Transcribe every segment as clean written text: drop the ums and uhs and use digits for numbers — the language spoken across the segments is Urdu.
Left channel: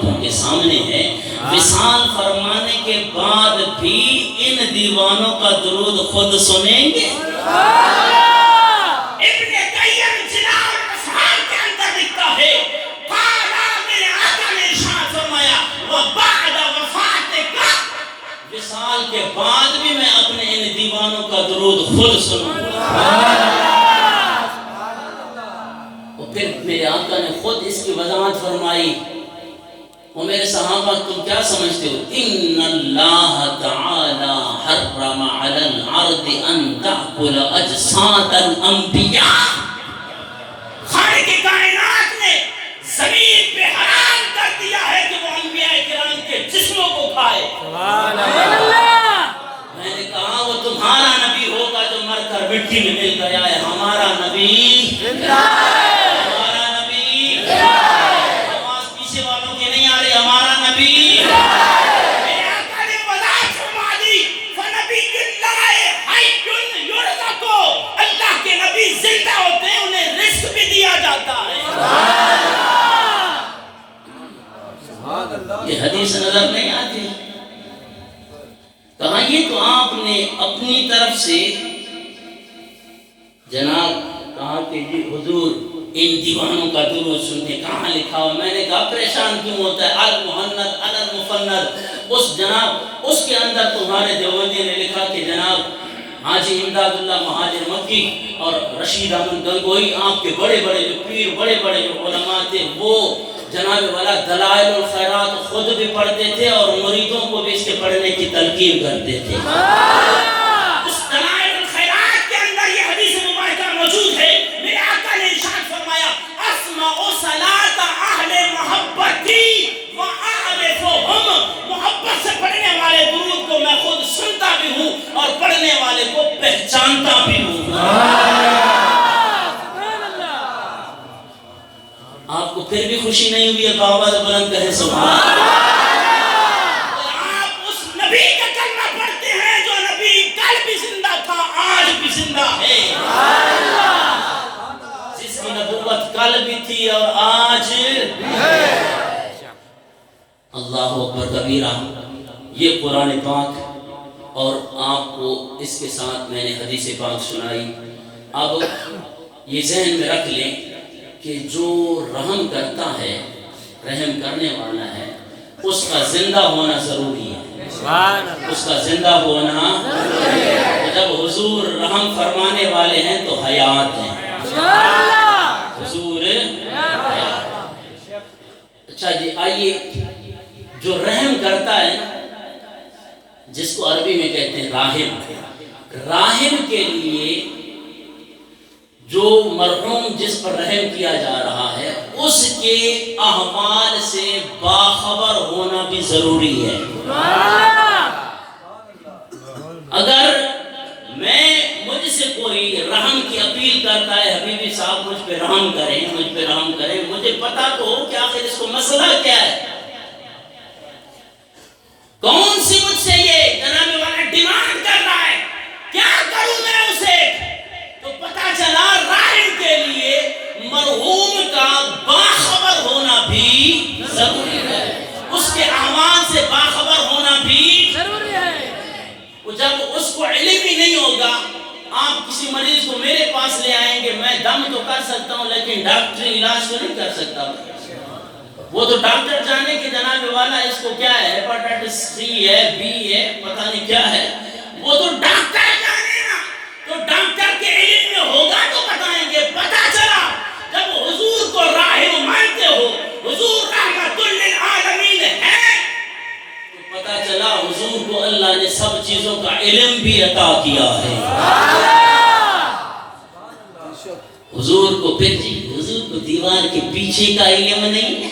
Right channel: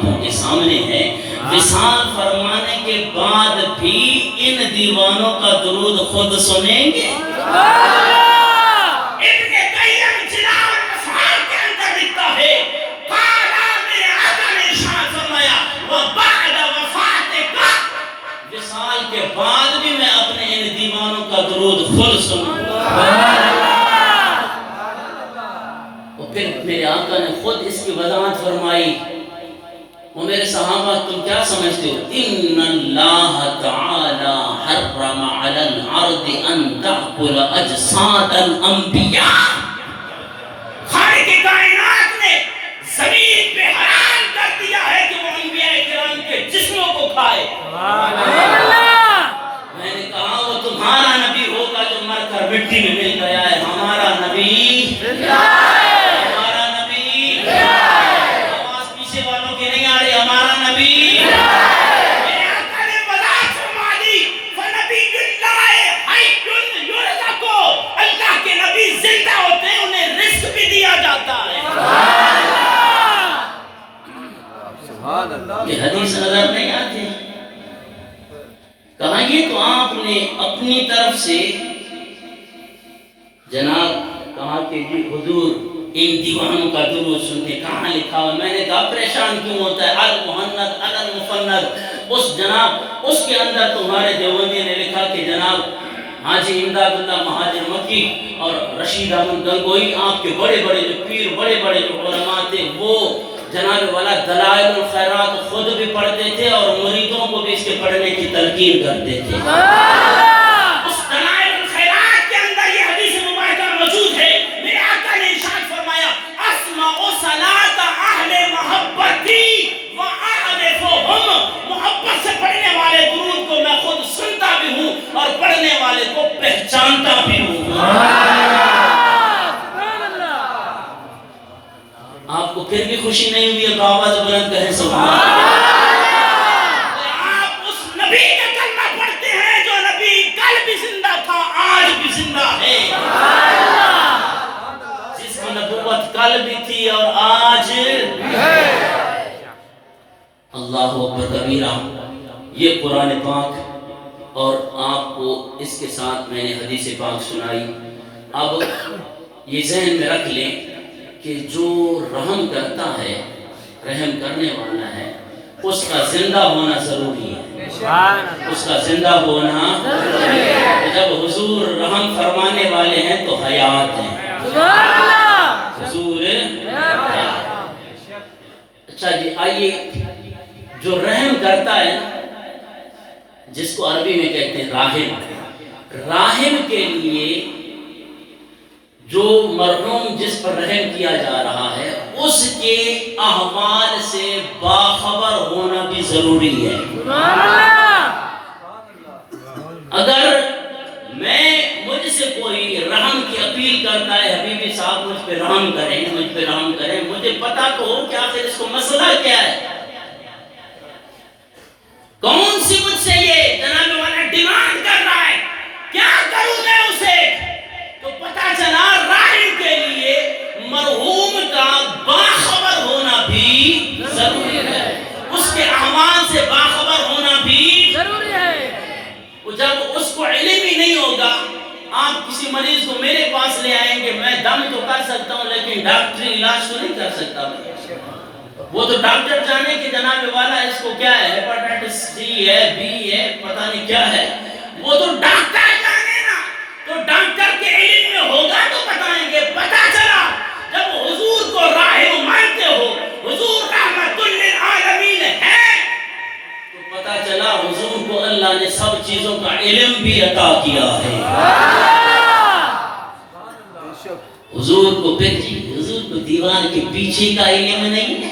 آنکھوں کے سامنے ہے، وصال فرمانے کے بعد بھی ان دیوانوں کا درود خود سنیں گے؟ ابن قیم جلال الافعال کے اندر لکھتا ہے، قالا میرے آقا نے ارشاد فرمایا وبعد وفاتک، وصال کے بعد بھی میں اپنے ان دیوانوں کا درود خود سنوں گا۔ پھر میرے آقا نے خود اس کی وضاحت فرمائی، وہ میرے صحابہ تم کیا سمجھتے ہو؟ ان اللہ تعالی حرم علی الارض ان تأکل اجساد الانبیاء، خالق کائنات نے زمین پہ حرام کر دیا ہے کہ وہ انبیاء کرام کے جسموں کو کھائے۔ میں نے کہا وہ تمہارا نبی ہوگا جو مر کر مٹی میں مل گیا ہے، ہمارا نبی یہ حدیث نظر نہیں آتی؟ کہا یہ تو آپ نے اپنی طرف سے جناب کہا کہ جی حضور ان دیوانوں کا درود سنتے، کہاں لکھا ہوا؟ میں نے کہا پریشان کیوں ہوتا ہے، المحند علی المفند، اس جناب اس کے اندر تمہارے دیوبندی نے لکھا کہ جناب حاجی امداد اللہ مہاجر مکی اور رشید احمد گنگوئی آپ کے بڑے بڑے جو پیر، بڑے بڑے جو علماء تھے، وہ جناب والا دلائل الخیرات خود بھی پڑھتے تھے اور مریدوں کو بھی اس کے پڑھنے کی تلقین کرتے تھے۔ اس دلائل الخیرات کے اندر یہ حدیث مبارکہ موجود ہے، میرے آقا نے ارشاد فرمایا اسمع صلاۃ اہل محبتی واعرفهم، محبت سے پڑھنے والے درود کو میں خود سنتا بھی ہوں اور پڑھنے والے کو پہچانتا بھی ہوں۔ آپ کو پھر بھی خوشی نہیں ہوئی ہے؟ آواز بلند کہیں سبحان اللہ۔ آپ اس نبی کا کلمہ پڑھتے ہیں جو نبی کل بھی زندہ تھا، آج بھی زندہ ہے، جس کی نبوت کل بھی تھی اور آج بھی ہے۔ اللہ اکبر کبیرہ۔ یہ قرآن پاک اور آپ کو اس کے ساتھ میں نے حدیث پاک سنائی۔ اب یہ ذہن میں رکھ لیں کہ جو رحم کرتا ہے، رحم کرنے والا ہے، اس کا زندہ ہونا ضروری ہے، اس کا زندہ ہونا ضروری ہے۔ جب حضور رحم فرمانے والے ہیں تو حیات ہیں، حضور حیات۔ اچھا جی آئیے، جو رحم کرتا ہے نا، جس کو عربی میں کہتے ہیں راحم، راحم کے لیے جو مرحوم جس پر رحم کیا جا رہا ہے اس کے احوال سے باخبر ہونا بھی ضروری ہے۔ اگر مجھ سے کوئی رحم کی اپیل کرتا ہے، حبیبی صاحب مجھ پہ رحم کریں، مجھ پہ رحم کریں، مجھے پتا تو ہو کہ آخر اس کو مسئلہ کیا ہے، کون سی مجھ سے یہ جناب والا ڈیمانڈ کر رہا ہے، کیا کروں میں اسے؟ تو پتا چلا راحم کے لیے مرحوم کا باخبر ہونا بھی ضروری ہے، اس کے اعمال سے باخبر ہونا بھی ضروری ہے۔ جب اس کو علم ہی نہیں ہوگا، آپ کسی مریض کو میرے پاس لے آئیں گے، میں دم تو کر سکتا ہوں لیکن ڈاکٹری علاج تو نہیں کر سکتا، وہ تو ڈاکٹر جانے کہ جناب والا اس کو کیا ہے، ہیپاٹائٹس سی ہے، بی ہے، پتہ نہیں کیا ہے، وہ تو ڈاکٹر جانے نا، تو ڈاکٹر کے علم میں ہوگا تو بتائیں گے۔ پتہ چلا جب حضور کو راحم مانتے ہو، حضور رحمت للعالمین ہے، تو پتہ چلا حضور کو اللہ نے سب چیزوں کا علم بھی عطا کیا ہے۔ حضور کو پھر جی، حضور کو دیوار کے پیچھے کا علم نہیں ہے،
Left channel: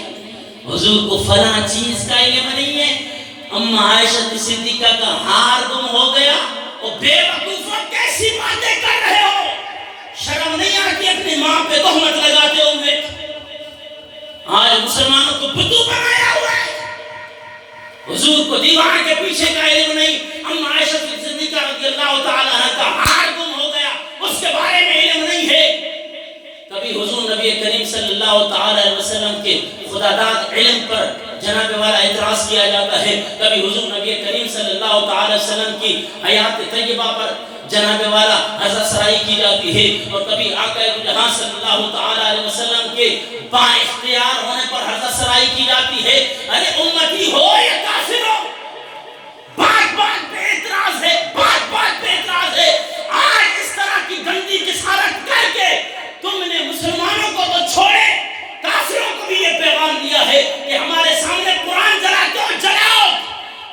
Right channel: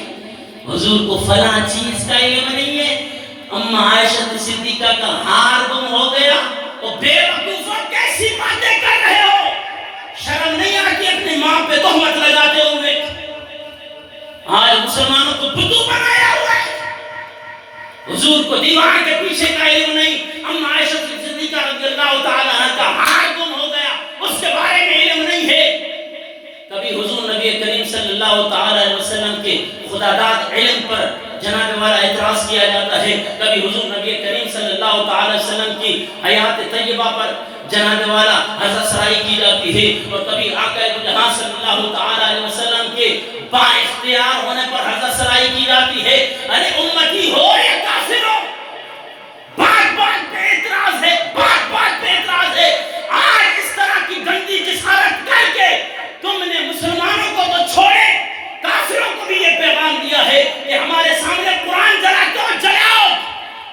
حضور کو فلاں چیز کا علم نہیں ہے۔ اما عائشہ صدیقہ کا ہار گم ہو گیا، اور بے وقوفہ کیسی باتیں کر رہے ہو، شرم نہیں آتی اپنی ماں پہ تہمت لگاتے ہوئے؟ آج مسلمانوں کو بدو بنایا ہوا ہے، حضور کو دیوار کے پیچھے کا علم نہیں، اما عائشہ صدیقہ رضی اللہ تعالیٰ عنہ کا ہار گم ہو گیا، اس کے بارے میں علم نہیں ہے۔ کبھی حضور نبی کریم صلی اللہ تعالیٰ علیہ وسلم کے خدا داد علم پر جناب اعتراض کیا جاتا ہے، کبھی حضور نبی کریم صلی اللہ تعالی وسلم کی حیات طیبہ پر جناب والا حضرت سرائی کی جاتی ہے، اور کبھی آقا جہاں صلی اللہ تعالی علیہ وسلم کے با اختیار ہونے پر حضرت سرائی کی جاتی ہے۔ ارے امتی ہو یا کافر ہو، بات بات پہ اعتراض ہے، بات بات پہ اعتراض ہے۔ آج اس طرح کی گندی جسارت کر کے تم نے مسلمانوں کو تو چھوڑے، کافروں کو بھی یہ پیغام دیا ہے کہ ہمارے سامنے قرآن جلاتے ہو جلاؤ،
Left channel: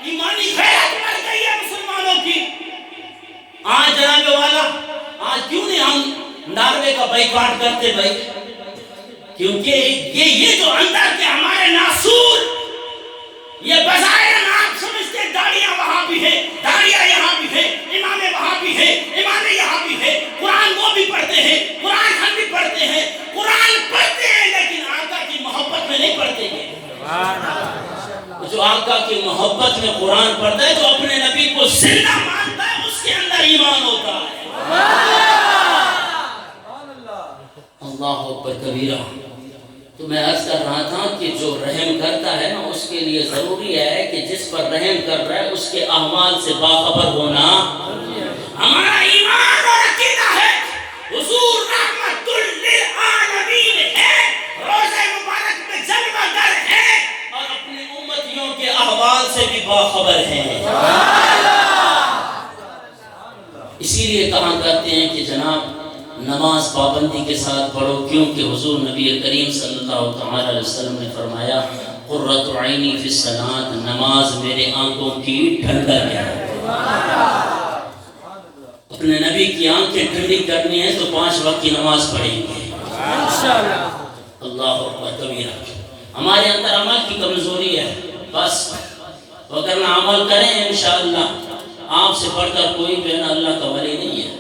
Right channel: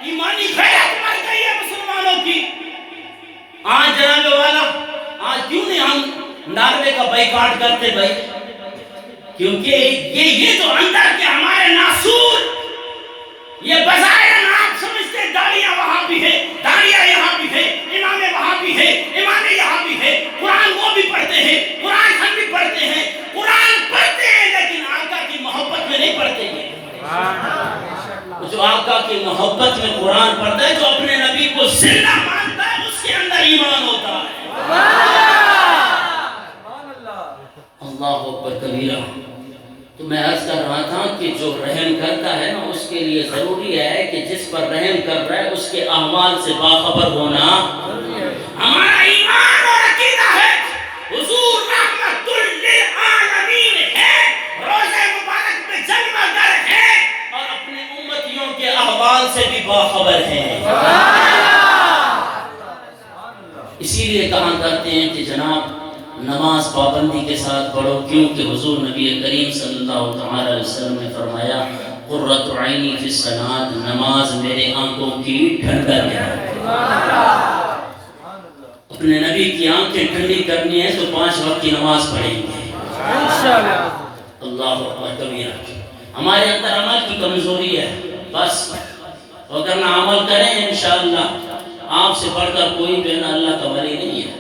ایمانی غیرت مر گئی ہے مسلمانوں کی۔ آج جناب والا، آج کیوں نہیں ہم ناروے کا بائیکاٹ کرتے بھائی؟ کیونکہ یہ جو اندر کے ہمارے ناسور، یہ بظاہر آپ سمجھتے داڑیاں وہاں بھی ہے، داڑیاں یہاں بھی ہے، امام وہاں بھی ہے، امام یہاں بھی ہے، قرآن وہ بھی پڑھتے ہیں، قرآن ہم بھی پڑھتے ہیں، قرآن پڑھتے ہیں لیکن آقا کی محبت میں نہیں پڑھتے ہیں۔ جو آقا کی محبت میں قرآن پڑھتا ہے، جو اپنے نبی کو زندہ مانتا ہے، اس کے اندر ایمان ہوتا ہے۔ اللہ اکبر کبیرہ۔ تو میں عرض کر رہا تھا کہ جو رحم کرتا ہے نا، اس کے لیے ضروری ہے کہ جس پر رحم کر رہا ہے اس کے احوال سے باخبر ہونا۔ ہمارا ایمان اور عقیدہ ہے حضور رحمت للعالمین ہے، روزے مبارک میں جلوہ گر ہے، اور اپنے امتیوں کے احوال سے بھی باخبر ہے۔ اسی لیے کہا کرتے ہیں کہ جناب نماز پابندی کے ساتھ پڑھو، کیونکہ حضور نبی کریم صلی اللہ تعالی علیہ وسلم نے فرمایا قرۃ عینی فی الصلاۃ، نماز میرے آنکھوں کی ٹھنڈک ہے۔ اپنے نبی کی آنکھیں ٹھنڈی کرنی ہے تو 5 وقت کی نماز پڑھیں گے انشاءاللہ۔ اللہ اکبر کبیرہ۔ ہمارے اندر عمل کی کمزوری ہے بس، اگر نہ عمل کریں انشاءاللہ آپ سے بڑھ کر کوئی جو ہے نا اللہ کا ولی نہیں ہے،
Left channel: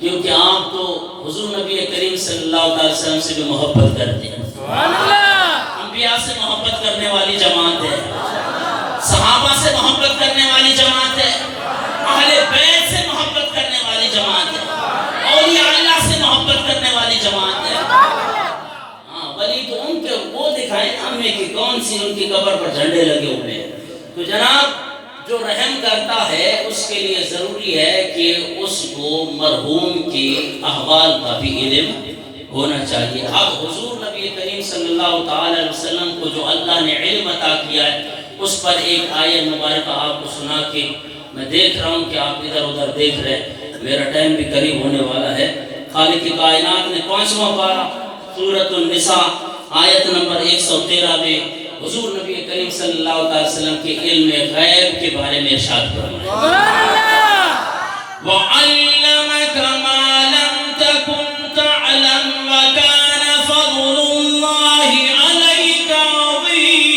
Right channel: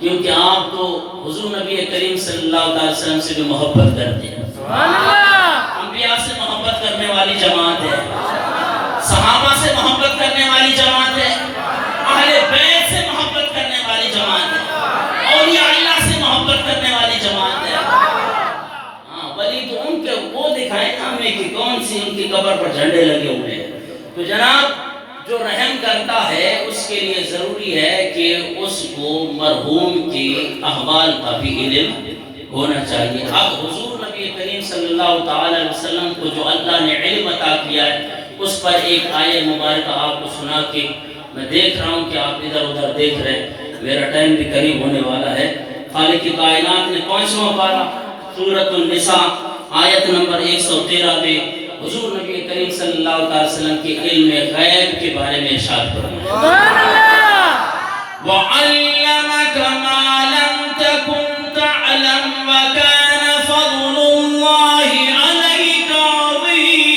کیونکہ آپ تو حضور نبی کریم صلی اللہ علیہ وسلم سے بھی محبت کرتے ہیں، انبیاء سے محبت کرنے والی جماعت ہے، صحابہ سے محبت کرنے والی جماعت ہے، اہل بیت سے محبت کرنے والی جماعت ہے، اولیاء اللہ سے محبت کرنے والی جماعت ہے۔ ہاں ولی تو ان کے وہ دکھائے نا ہمیں کہ کون سی ان کی قبر پر جھنڈے لگے ہوئے ہیں۔ تو جناب جو رحم کرتا ہے اس کے لیے ضروری ہے کہ اس کو مرحوم کی احوال کا بھی علم ہونا چاہیے۔ اب حضور نبی کریم صلی اللہ تعالی علیہ وسلم کو جو اللہ نے علم عطا کیا ہے، اس پر ایک آیت مبارکہ آپ کو سنا کے میں دیکھ رہا ہوں کہ آپ ادھر ادھر دیکھ رہے ہیں، میرا ٹائم بھی قریب ہونے والا ہے۔ خالق کائنات نے 5واں پارہ سورۃ النساء آیت نمبر 113 میں حضور نبی کریم صلی اللہ علیہ وسلم کے علم غیب کے بارے میں ارشاد فرمایا، وَعَلَّمَكَ مَا لَمْ تَكُنْ تَعْلَمْ وَكَانَ فَضْلُ اللَّهِ عَلَيْكَ عَظِيمًا۔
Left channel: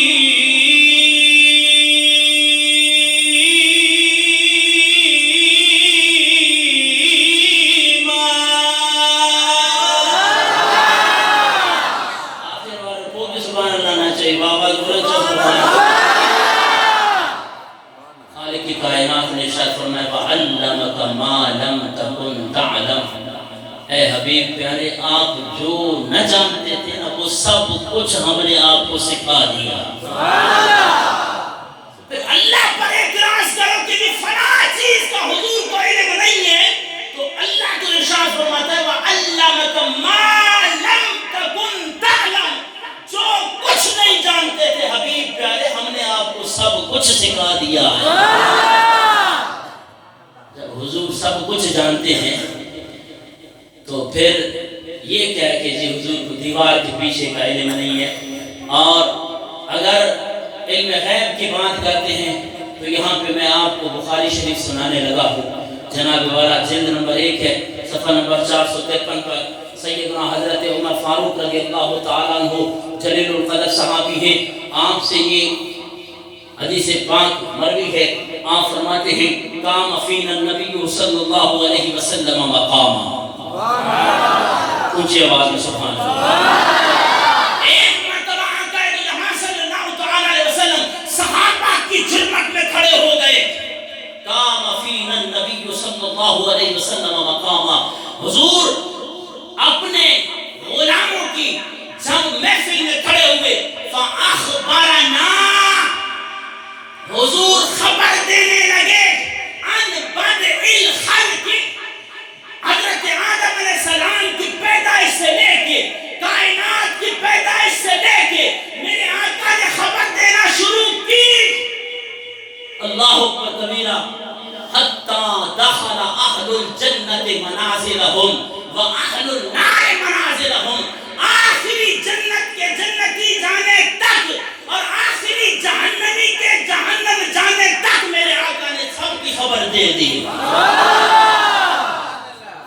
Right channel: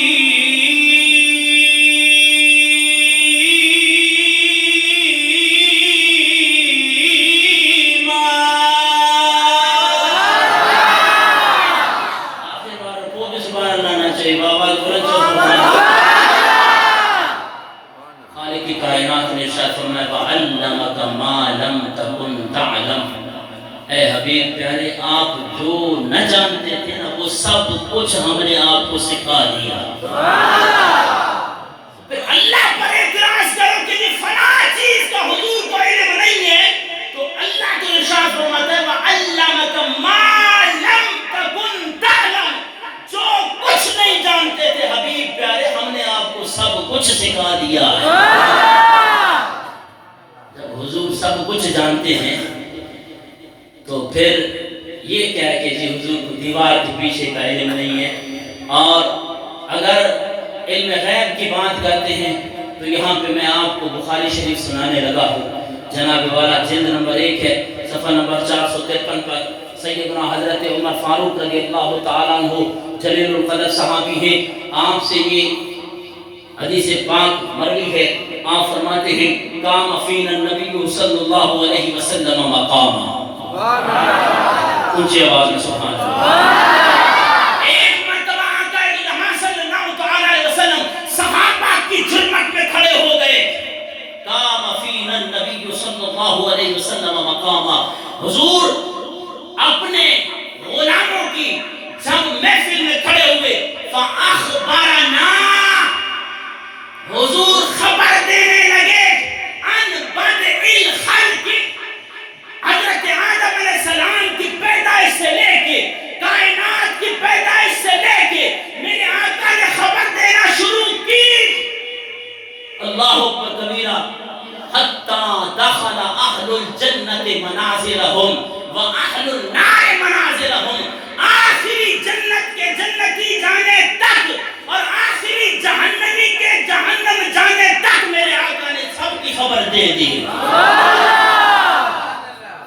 آخر بار کو بھی سبحان اللہ نہ چاہیے، بابا خالق کائنات نے ارشاد فرمایا وَعَلَّمَكَ مَا لَمْ تَكُنْ تَعْلَمْ۔ اے حبیب پیارے، آپ جو نہ جانتے تھے نا وہ سب کچھ ہم نے آپ کو سکھا دیا۔ پھر اللہ پر اعتراض کرو کہ یہ فلاں چیز کا حضور کو علم نہیں ہے، تو اللہ کو ارشاد فرماتا ہے وَعَلَّمَكَ مَا لَمْ تَكُنْ تَعْلَمْ۔ جو کچھ نہیں جانتے تھے حبیب پیارے، ہم نے آپ کو سب کچھ سکھا دیا ہے۔ جب حضور سب کچھ جانتے ہیں تو پھر یہ کیا کہ جی حضور کو دیوار کے پیچھے کا علم نہیں ہے۔ اور اگر علم غیب کی بات کرتے ہیں تو یہاں پہ میں آپ کو بخاری شریف سنانے لگا ہوں، جناب والا جلد نمبر 1 ہے، صفحہ نمبر 453 پر سیدنا حضرت عمر فاروق رضی اللہ تعالیٰ عنہ جلیل القدر صحابی ہیں، آپ سے یہ حدیث پاک مروی ہے، آپ فرماتے ہیں قام فینا النبی صلی اللہ علیہ وسلم مقاما۔ اونچی آواز میں سبحان اللہ۔ ایک مرتبہ آقا جہاں صلی اللہ تعالی علیہ وسلم صحابہ کی جرمت میں کھڑے ہو گئے، قام فینا النبی صلی اللہ علیہ وسلم مقاما، حضور اپنے غلاموں کی جب محفل میں کھڑے ہوئے، فَأَخْبَرَنَا، اللہ اکبر کبیرہ حتی دخل اہل الجنت منازلہم و اہل النار منازلہم، آخری جنت کے جنتی جانے تک اور آخری جہنمی کے جہنم جانے تک میرے آقا نے سب کی خبر دے دی۔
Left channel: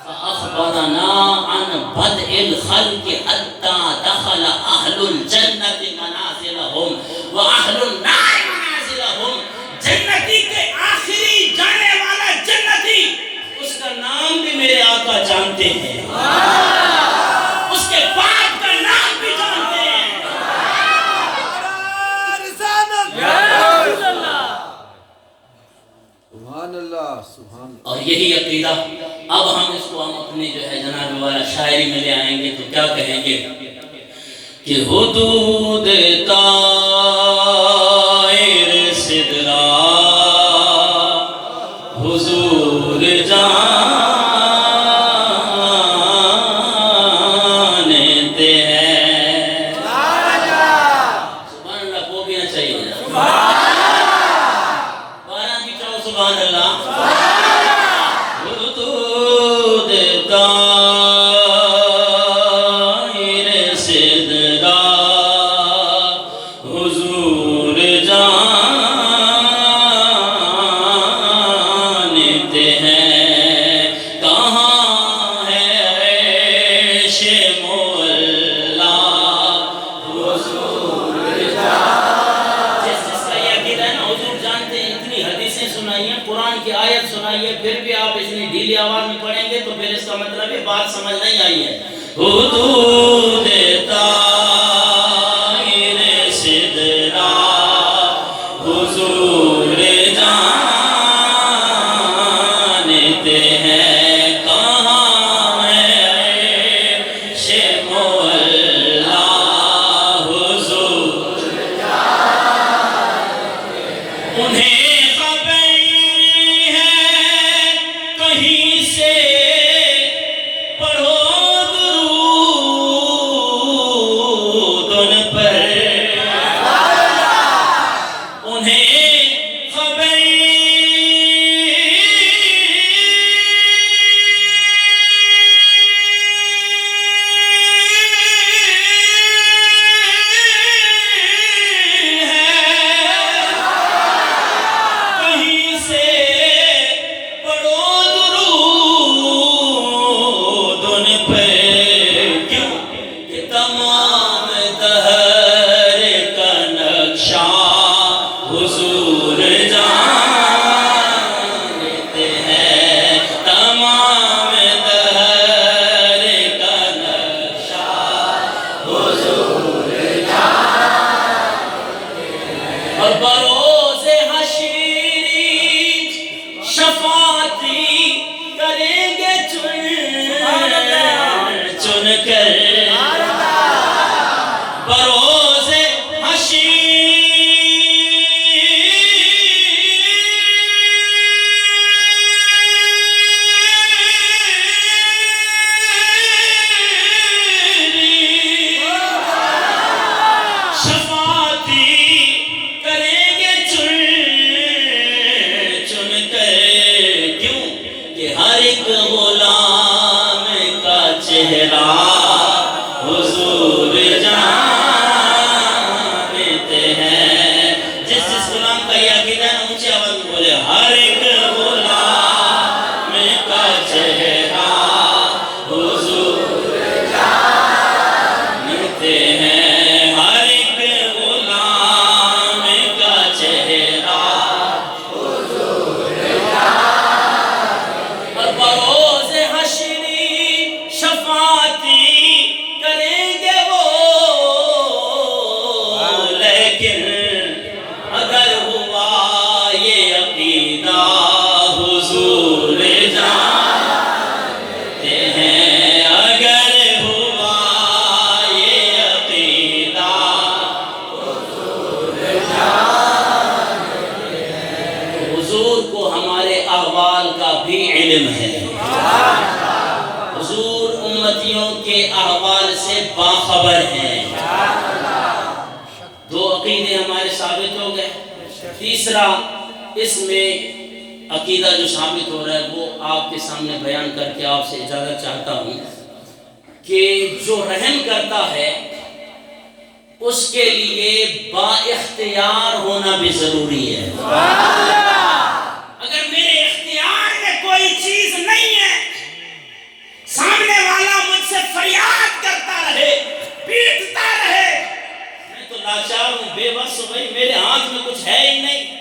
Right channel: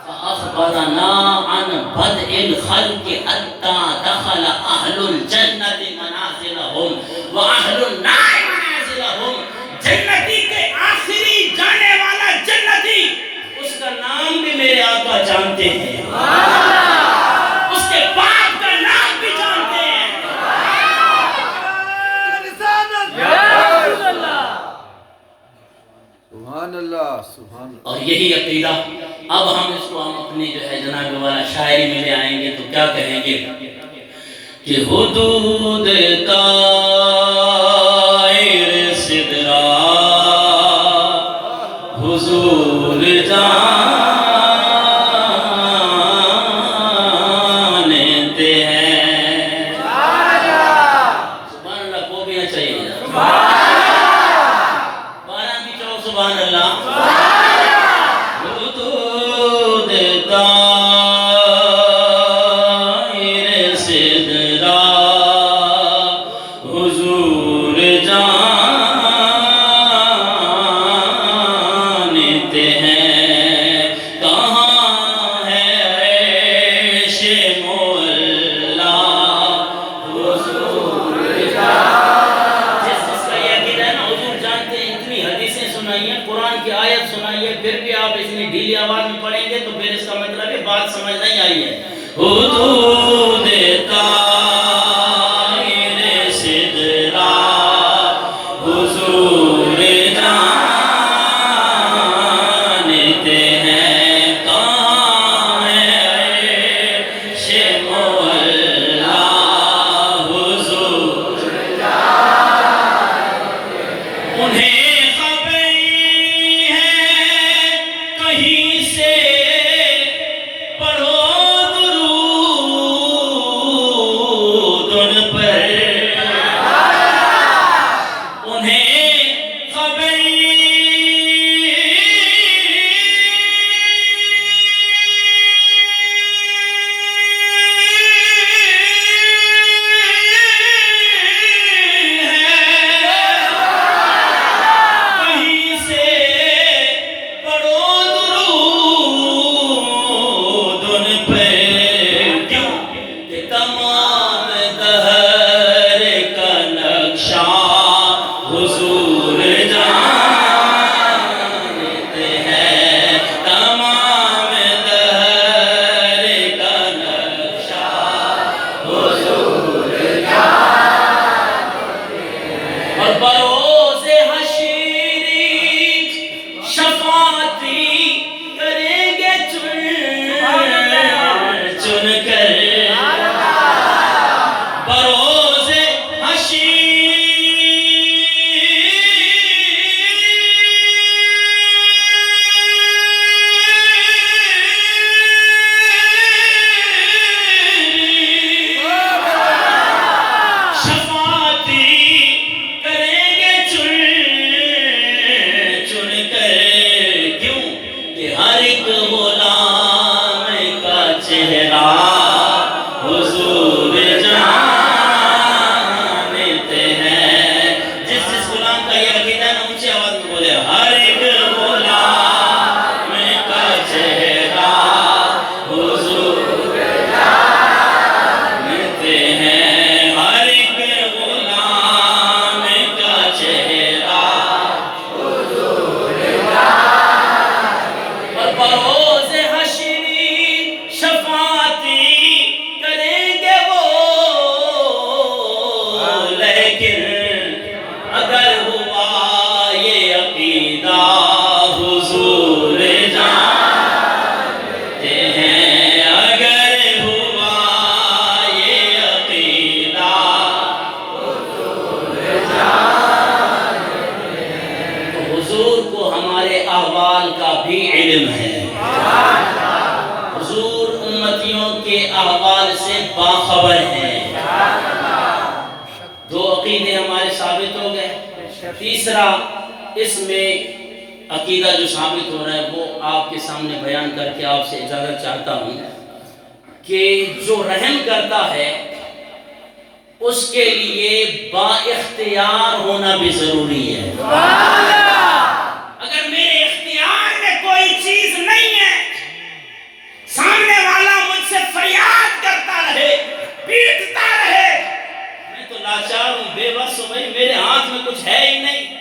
فأخبرنا عن بدء الخلق حتى دخل أهل الجنة منازلهم وأهل النار منازلهم، جنتی کے آخری جانے والا جنتی، اس کا نام بھی میرے آقا جانتے ہیں، اس کے باپ کا نام بھی جانتے ہیں۔ سبحان اللہ سبحان اللہ۔ اور یہی عقیدہ اب ہم اس کو ہم اپنے جو ہے جناب والا شاعری میں لے آئیں گے تو کیا کہیں گے کہ حدود طائر سدرا حضور جانتے ہیں۔ سبحان اللہ کو بھی نہ چاہیے، بارہ بھی چاہو سبحان اللہ۔ حدود طائر سدرا حضور جانتے ہیں، کہاں ہے عیش مولا حضور جانتے۔ جس کا یہ عقیدہ ہے نا حضور جانتے ہیں، اتنی حدیثیں سنائی ہیں، قرآن کی آیت سنائی ہے، پھر بھی آپ اتنی ڈھیلی آواز میں پڑھیں گے تو پھر اس کا مطلب ہے بات سمجھ نہیں آئی ہے۔ حدود طائر سدرا حضور جانتے ہیں، کہاں ہے عیش مولا حضور انہیں خبر ہے کہیں سے پڑھو درود ان پر، انہیں خبر کہیں سے پڑھو درود ان پہ، کیوں کہ تمام دہر کا نقشہ حضور جانتے ہیں، تمام دہر کا نقشہ حضور اور بروز حشر شفاعتی کریں گے چن کر، بروز حشر شفاعتی کریں گے چن کر، کیوں کہ ہر ایک غلام کا چہرہ حضور جانتے ہیں۔ جس غلام کا یہ عقیدہ ہے اونچی آواز میں بولے، ہر ایک غلام کا چہرہ حضور جانتے ہیں، ہر ایک غلام کا چہرہ اور بروز حشر شفاعتی کریں گے وہ، لیکن اگر ہوا یہ عقیدہ حضور جانتے ہیں، اگر ہوا یہ عقیدہ تو حضور کو ہمارے احوال کا بھی علم ہے، حضور امتیوں کے احوال سے باخبر ہیں۔ دو عقیدے ہمارے ثابت ہو گئے۔ تیسرا اس میں عقیدہ جو ثابت ہو رہا ہے وہ آپ کے سامنے بیان کر کے آپ سے اجازت چاہتا ہوں کہ جو رحم کرتا ہے اس کے لیے با اختیار ہونا بھی ضروری ہے. اگر میرے اختیار میں کوئی چیز نہیں ہے، سامنے والا مجھ سے فریاد کرتا رہے، پیٹتا رہے، میں تو لاچار ہوں، بے بس ہوں، بھائی میرے ہاتھ میں کچھ ہے ہی نہیں.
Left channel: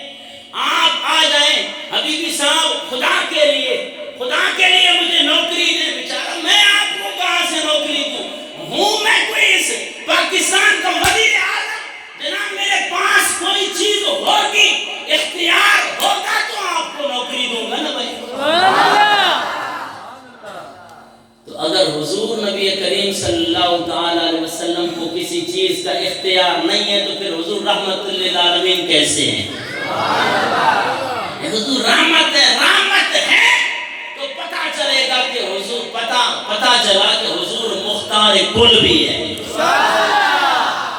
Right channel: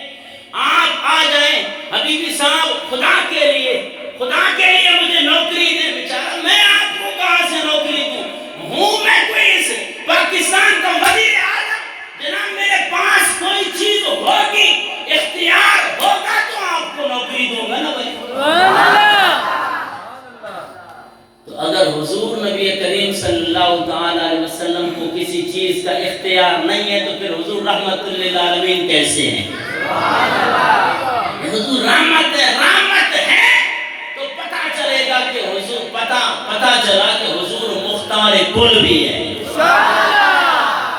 آپ آ جائیں حبیبی صاحب خدا کے لیے مجھے نوکری دیں. بیچارہ میں آپ کو کہاں سے نوکری دوں؟ ہوں میں کوئی اس پاکستان کا وزیر اعظم، جناب میرے پاس کوئی چیز ہوگی، اختیار ہوگا تو آپ کو نوکری دوں گا نا بھائی. تو اگر حضور نبی کریم صلی اللہ تعالی علیہ وسلم کو کسی چیز کا اختیار نہیں ہے تو پھر حضور رحمت للعالمین کیسے ہیں؟ حضور رحمت ہے تو پتہ چلے گا کہ حضور پتہ چلا کہ حضور مختار کل بھی ہے.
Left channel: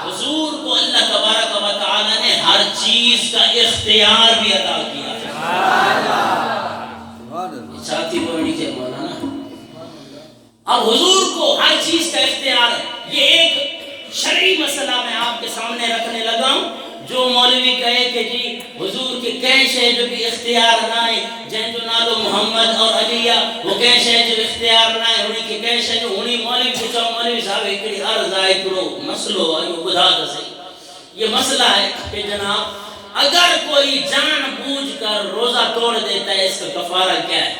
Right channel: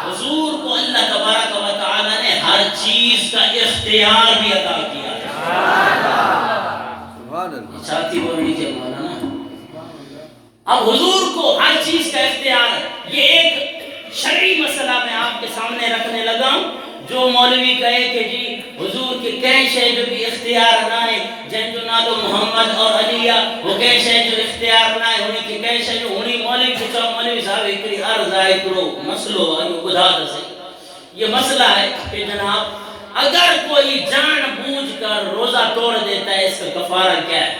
حضور کو اللہ تبارک و تعالی نے ہر چیز کا اختیار بھی عطا کیا. ساتھی بڑی کے مولانا اب حضور کو ہر چیز کا اختیار ہے. یہ ایک شرعی مسئلہ میں آپ کے سامنے رکھنے لگا ہوں. جو مولوی کہے کہ جی حضور کے کیش ہے جو بھی اختیار نہ ہے، جن جو نالو محمد اور علیہ وہ کیش ہے جو اختیار نہ ہے، انہی کے کیش ہے جو انہی مولوی پوچھا مولوی صاحب ایکڑی عرض آئے کرو مسئلو آئے بدھا دسے. یہ مسئلہ ہے کہ جناب اگر کوئی جان بوجھ کر روزہ توڑ دیتا ہے اس کا کفارہ کیا ہے؟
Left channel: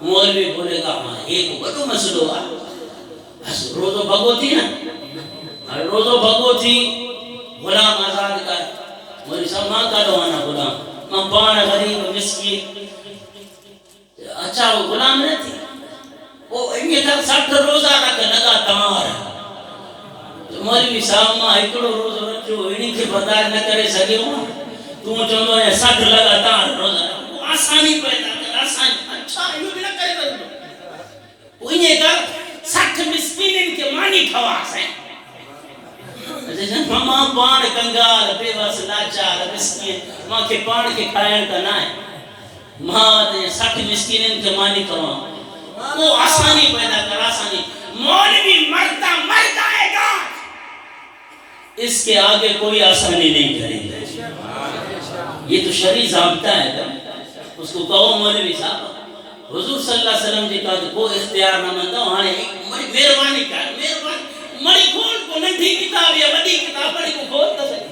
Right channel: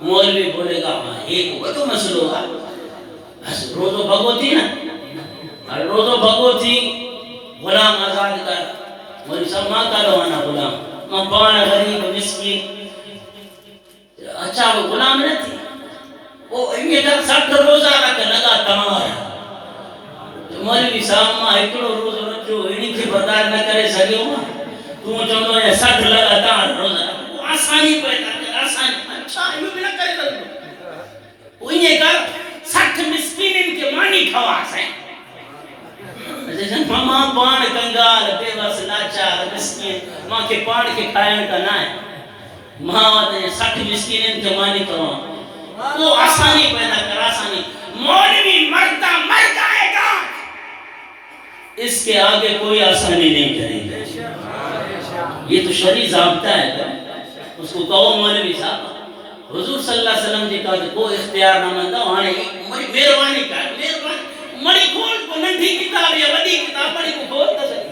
مولوی بولے گا ہاں ایک بڑو مسئلو ہے، بس روزو بھگو تھی نا، روزو بھگو تھی غلام آزاد کر. مولوی صاحب ماں کا روانا غلام ماں پانا غریب مسکین. اچھا وہ غلام نہ تھی، وہ انگے تک 60 روزہ رکھ لگاتار. مولوی صاحب ماں ایکڑو روزہ رکھو انہی کی برداشت نہ کرے سکے ہوں تو چاہتا ہے 60 لگاتار روزہ رکھو. آسانی پیدا کر آسانی. اچھا یہ بھی نہ کرے سکتے وہ انہیں کر 60 مسکین ان کے مانی خواص ہیں. ماں پان کنگال بے بس لاچار مسکین ماں کے پان کے کھائن کا نہ ہے. ماں 60 مسکین ان کے مانی خواص وہ آسانی پیدا کر آسانی. مولوی مرتا مر جائے گا، اس کے آگے کوئی آسانی نہیں کرے گا. یہ تو شرعی ضابطہ ہے. اس کو کہو مولوی صاحب حضور صلی اللہ علیہ وسلم جی کا کو اختیار نہ مندہ وہاں بڑی مہربانی کر مہربانی مڑی کھول کو ننھی کتاب یا وڈی کتاب مڑی کو کھول تو صحیح.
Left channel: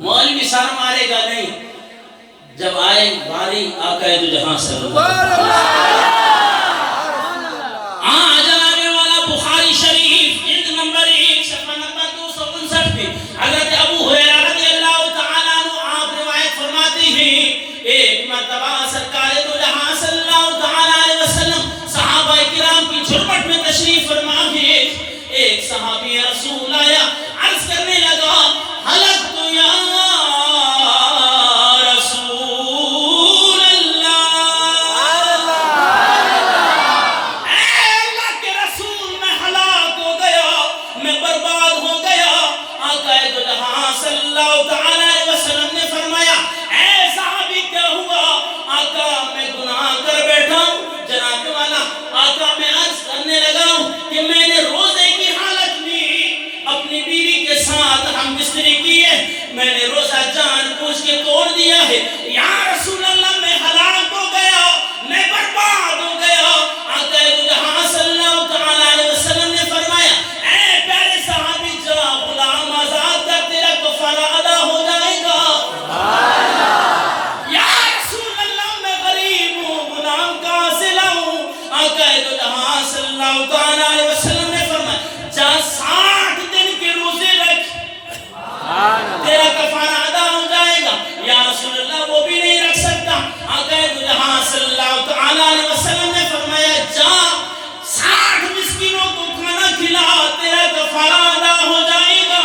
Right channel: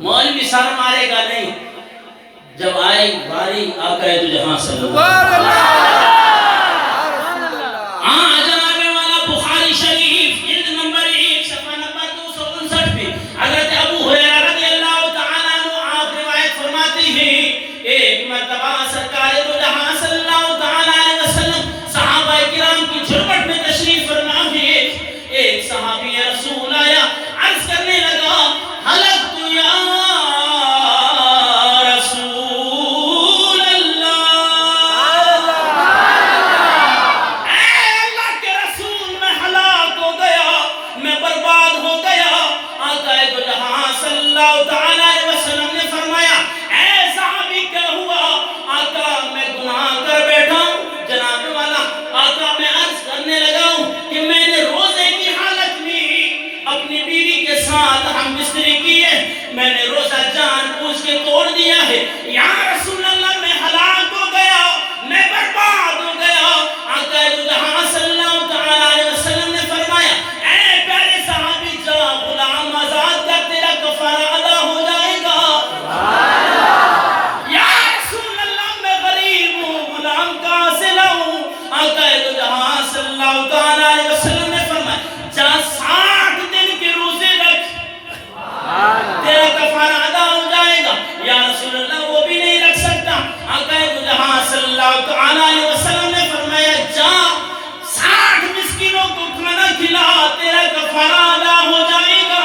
مولوی سر مارے گا نہیں. جب آئے باری آقا دو جہاں صلی اللہ علیہ وسلم جناب والا بخاری شریف جلد نمبر 1 صفحہ نمبر 259 پہ حضرت ابو ہریرہ رضی اللہ تعالیٰ عنہ آپ روایت فرماتے ہیں ایک مرتبہ سرکار دو جہاں صلی اللہ تعالیٰ علیہ وسلم صحابہ کرام کی جھرمٹ میں تشریف فرما گئے. ایک صحابی رسول آیا عرض کرنے لگا حلقت یا رسول اللہ، اے اللہ کے رسول میں ہلاک ہو گیا، میں برباد ہو گیا. آقا دو جہاں صلی اللہ تعالیٰ علیہ وسلم نے فرمایا اے صحابی کیا ہوا؟ آقا میں گناہ کر بیٹھا ہوں. جناب والا آقا میں عرض کرنے لگا ہوں کہ میں نے روزے کی حالت میں اپنی بیوی کے ساتھ ہم بستری کی ہے، میں نے روزہ جان بوجھ کے توڑ دیا ہے. یا رسول اللہ میں ہلاک ہو گیا، میں برباد ہو گیا. آقا دو جہاں صلی اللہ تعالیٰ علیہ وسلم نے فرمایا اے پیارے صحابی جا غلام آزاد کر تیرا کفارہ ادا ہو جائے گا. یا رسول اللہ میں غریب ہوں غلام کہاں سے لاؤں؟ آقا دو جہاں صلی اللہ تعالیٰ علیہ وسلم نے فرمایا جا 60 دن کے روزے رکھ تیرا کفارہ ادا ہو جائے گا. یا رسول اللہ وہ بھی نہیں رکھ سکتا. آقا دو جہاں صلی اللہ تعالیٰ علیہ وسلم نے فرمایا جا 60 مسکینوں کو کھانا کھلا تیرا کفارہ ادا ہو جائے گا.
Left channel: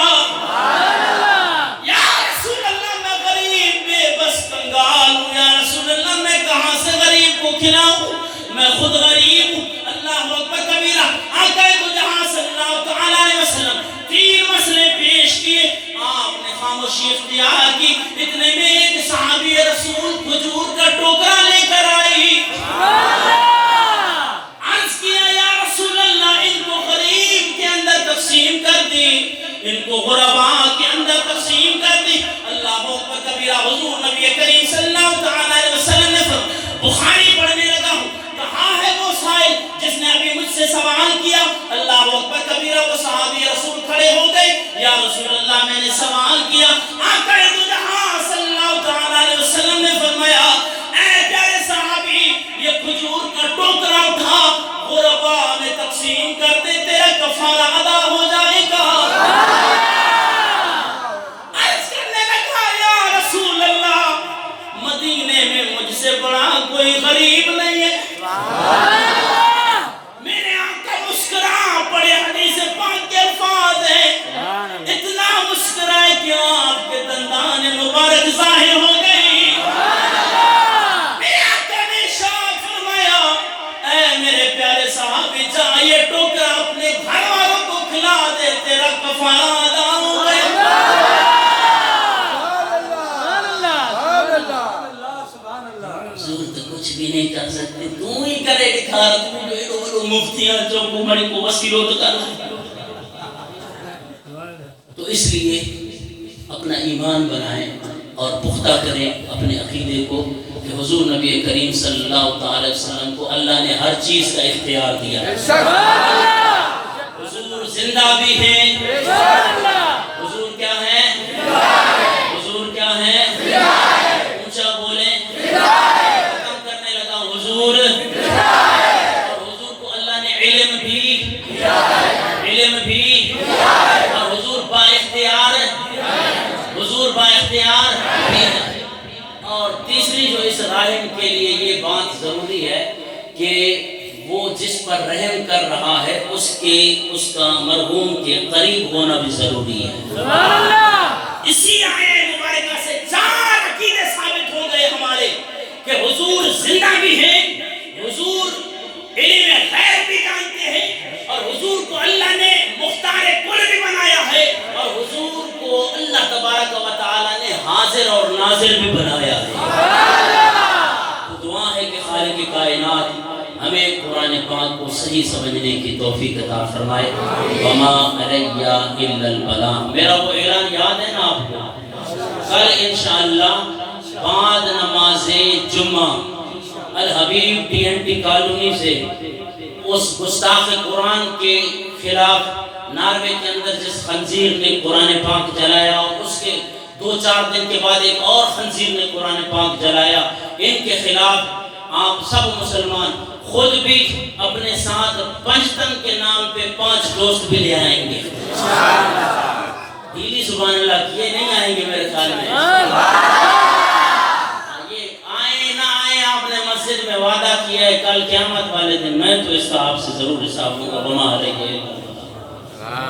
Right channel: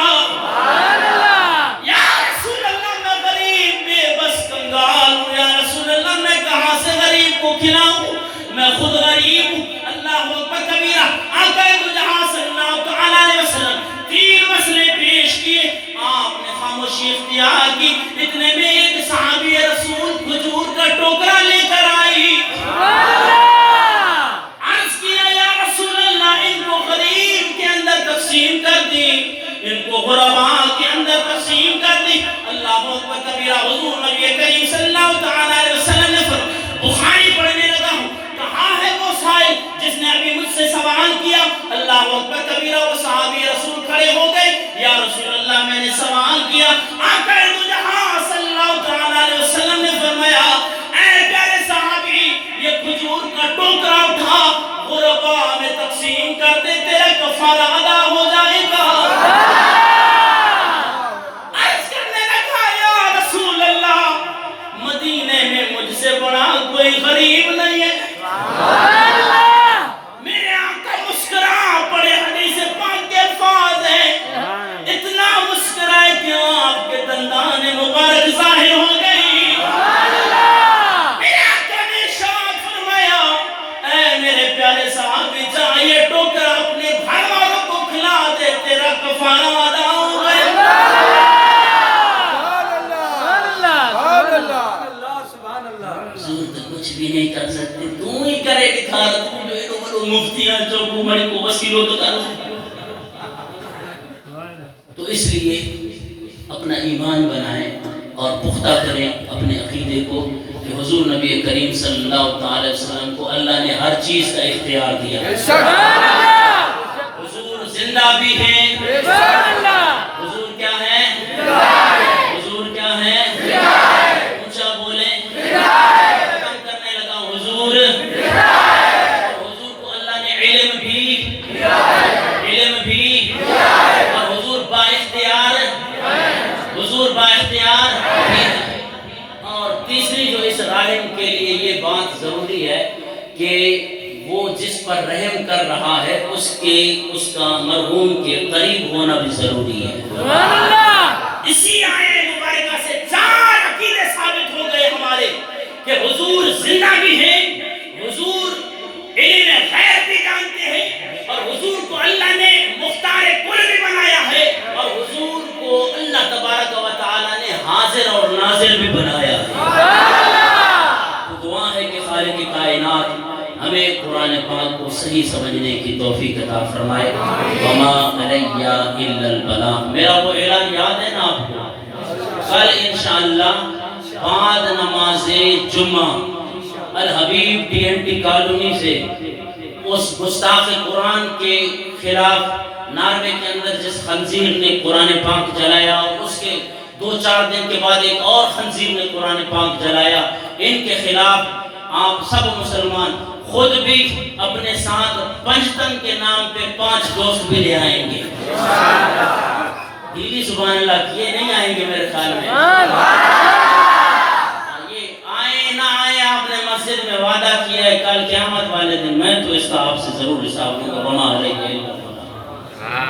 یا رسول اللہ میں غریب بے بس کنگال ہوں. یا رسول اللہ میں کہاں سے غریب کو کھلاؤں؟ میں خود غریب ہوں. اللہ اکبر کبیرہ. آقا دو جہاں صلی اللہ تعالیٰ علیہ وسلم 3 مسئلے پیش کیے. آپ نے خاموشی خاموشی اختیار کی. اتنے میں ایک صحابی رسول کھجور کا ٹوکرا لے کر آئی. عرض کیا یا رسول اللہ ان کو غریب کے اندر تقسیم کر دی, ان کو غرباء کے اندر تقسیم کر دی. اللہ اکبر کبیرہ. حضور نبی کریم صلی اللہ تعالی علیہ وسلم نے بخاری پڑھنے لگا ہوں, کہاں ہے وہ سائل جس نے ابھی مجھ سے سوال کیا؟ اللہ اکبر کبیرہ. وہ صحابی رسول کھڑے ہو گئے. یا رسول اللہ میں نے سوال کیا. آقا دو جہاں صلی اللہ تعالی علیہ وسلم نے فرمایا اے پیارے صحابی یہ کھجور کا ٹوکرا اٹھا غرباء میں تقسیم کر دے, تیرا کفارہ ادا ہو جائے گا. عرض کرنے لگا یا رسول اللہ مدینے میں مجھ سے بڑا کوئی غریب نہیں ہے. میرے آقا مسکرا پڑے. حدیث پاک کے الفاظ ہیں, اتنا مسکرائے کہ آپ کے دندان مبارک ظاہر ہو گئی. میرے آقا نے ارشاد فرمایا اے میرے پیارے صحابی جا یہ ٹوکرا اپنے گھر والوں کو کھلا دے, تیرا کفارہ ادا ہو گیا. حضور تو کچھ بھی نہیں کر سکتے, تو ہی کرے دکھا. تو بیٹو بڑو مفتیاں جو کمڑی کو وسیلوں تو کر سکتے. تو اس لیے اپنا ایمان بنائیں اور پختہ کریں اپنے عقیدے کو کہ حضور نبی کریم صلی اللہ تعالی علیہ وسلم کو اللہ نے ہر چیز کا اختیار دیا. حضور زندہ بھی ہیں. حضور کیا ہے؟ حضور کیا ہے؟ اونچا بولیں. ختم کرنے لگا حضور. اور حضور کو اللہ نے علم بھی اور حضور با اختیار بھی ہے. اور تیسری جو اس راحم کے لیے یہ بات ضروری ہے کہ وہ جس پر رحم کر رہا ہے اس کا مرحوم کے قریب ہونا بھی ضروری ہے. اسی آیے مبارکہ سے چار عقیدے ثابت ہو گئے ہمارے کہ حضور زندہ بھی ہیں, حضور علم غیب بھی جانتے ہیں, اور حضور کو اللہ نے مختار کل بھی بنایا ہے, اور حضور کو اللہ تبارک و تعالی نے حاضر اور ناظر بھی بنایا ہے. تو دعا ہے کہ خالق کائنات ہمیں قرآن پاک کو صحیح سمجھنے کی توفیق عطا فرمائے. وما علی الا البلاغ. میرا وہ اعلان یاد ہے نا آپ کو؟ کل انشاءاللہ بعد نماز جمعہ الحبیب ڈی این ٹی کالونی سے اس گستاخ قرآن کے خلاف ناروے کے اندر جس خنزیر نے قرآن پاک جلایا, اور اس کے 2-4 دن کے بعد ایک اور خنزیر نے قرآن پاک جلایا, ان کے خلاف آپ سب مسلمان خود بھی اپنے ساتھ پنجتن کے نام پہ 5 دوست بھی لے آئیں گے. ڈیلی سبحان اللہ کیے نہیں آئیں گے میرے خیال میں. یہ آئے نہ آئے آپ نے مسجد میں وعدہ کیا ہے کل قیامت والے دن میں تو اس کا آپ سے ضرور حساب لوں گا. وما علیہ